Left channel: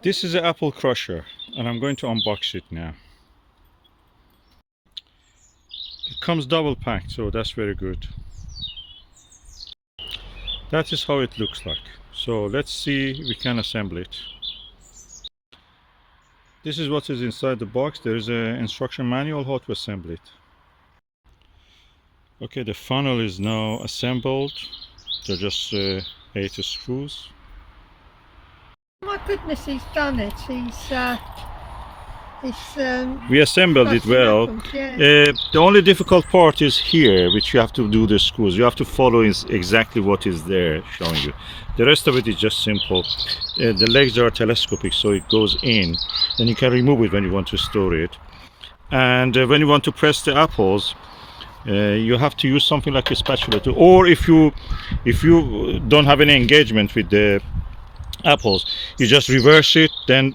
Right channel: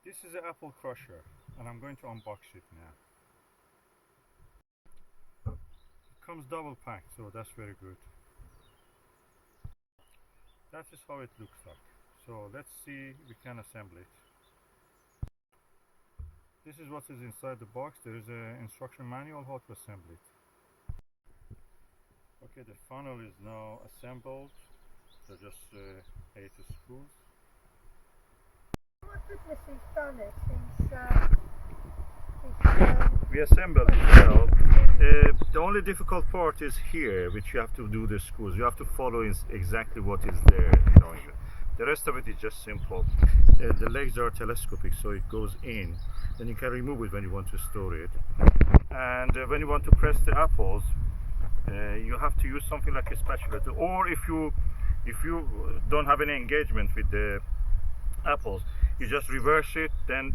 This is an apple crusher and I'm going to unbox it now. It comes double packed, so that's very good. That is how it looks like. So let's see if we can assemble it. This is what is inside the box. There is an instruction manual how to assemble it. Okay, the funnel is now assembled. They're just 8 screws. My goodness, he's done it. We assembled it well. Yeah. The only difficult part is here, which you have to do the screws. You have to follow exactly what is there showing you. The rest of it is just simple. The legs are telescopic, so it goes in. Then you can remove it when you want to store it. And when you want to press the apples, you have to use something like a spatula too. Or if you don't have any engagement with the apples, you just reverse it, then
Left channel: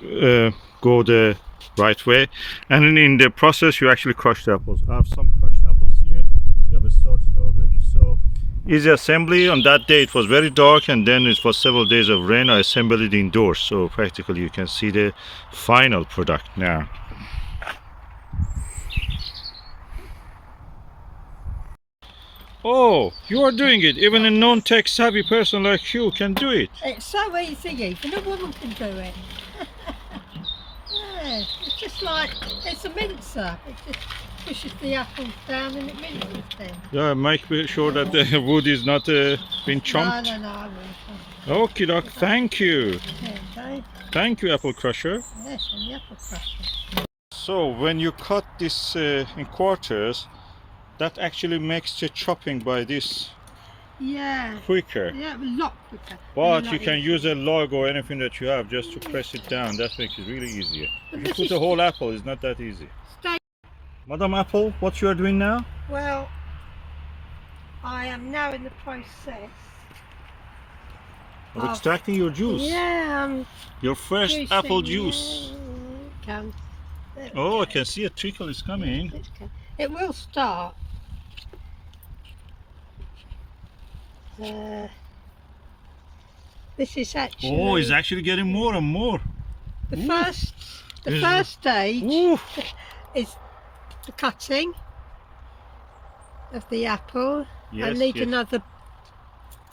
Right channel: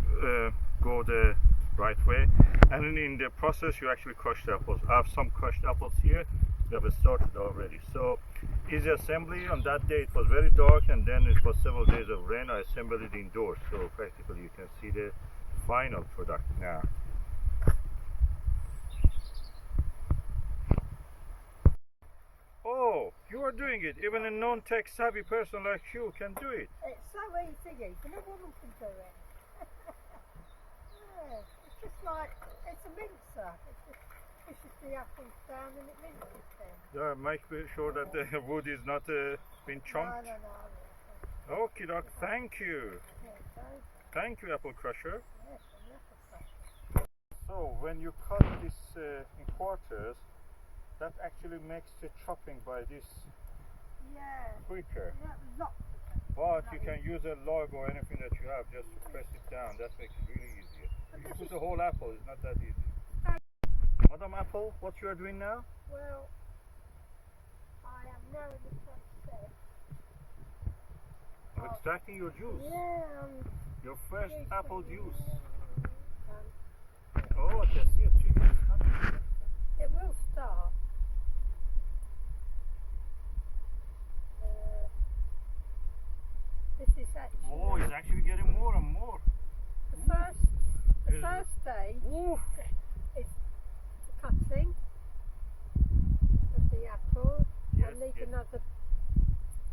go the right way, and in the process you actually crush the apples. I have some crushed apples here. We have started already. So easy assembly. On that day it was very dark, and then it was several days of rain. I assembled it indoors, so practically you can see the final product now. Oh, you are doing it. Even a non-tech savvy person like you can do it. It's so easy, even a woman can do it. Yeah, it's just like, it's a mincer. It just pushes the apples down and it minces them. Yeah, make sure that the wood is not been chomped. No, I will. Okie doke, thank you. Okay. Thank you, apple crusher. Yes, and the apple crusher. So when you cut this in quarters, that actually makes the chopping by this quicker. Yeah, a lot quicker. But you can use a log or anything that you have just to press it down. That makes it really easier. If you put a whole apple, it's not that easy. Madam Apple, what you are doing now? Well, I am now in the process Of extracting your juice. Yeah, Your first juicing, apple juice. Yeah. Oh, I can see a trickle is coming. It will start. This is actually. Oh, it's actually getting more and more. The first stage is the cutting of the apple. Yes, I need another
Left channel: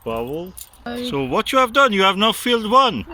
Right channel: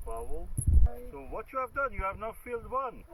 bubble. So what you have done, you have now filled one.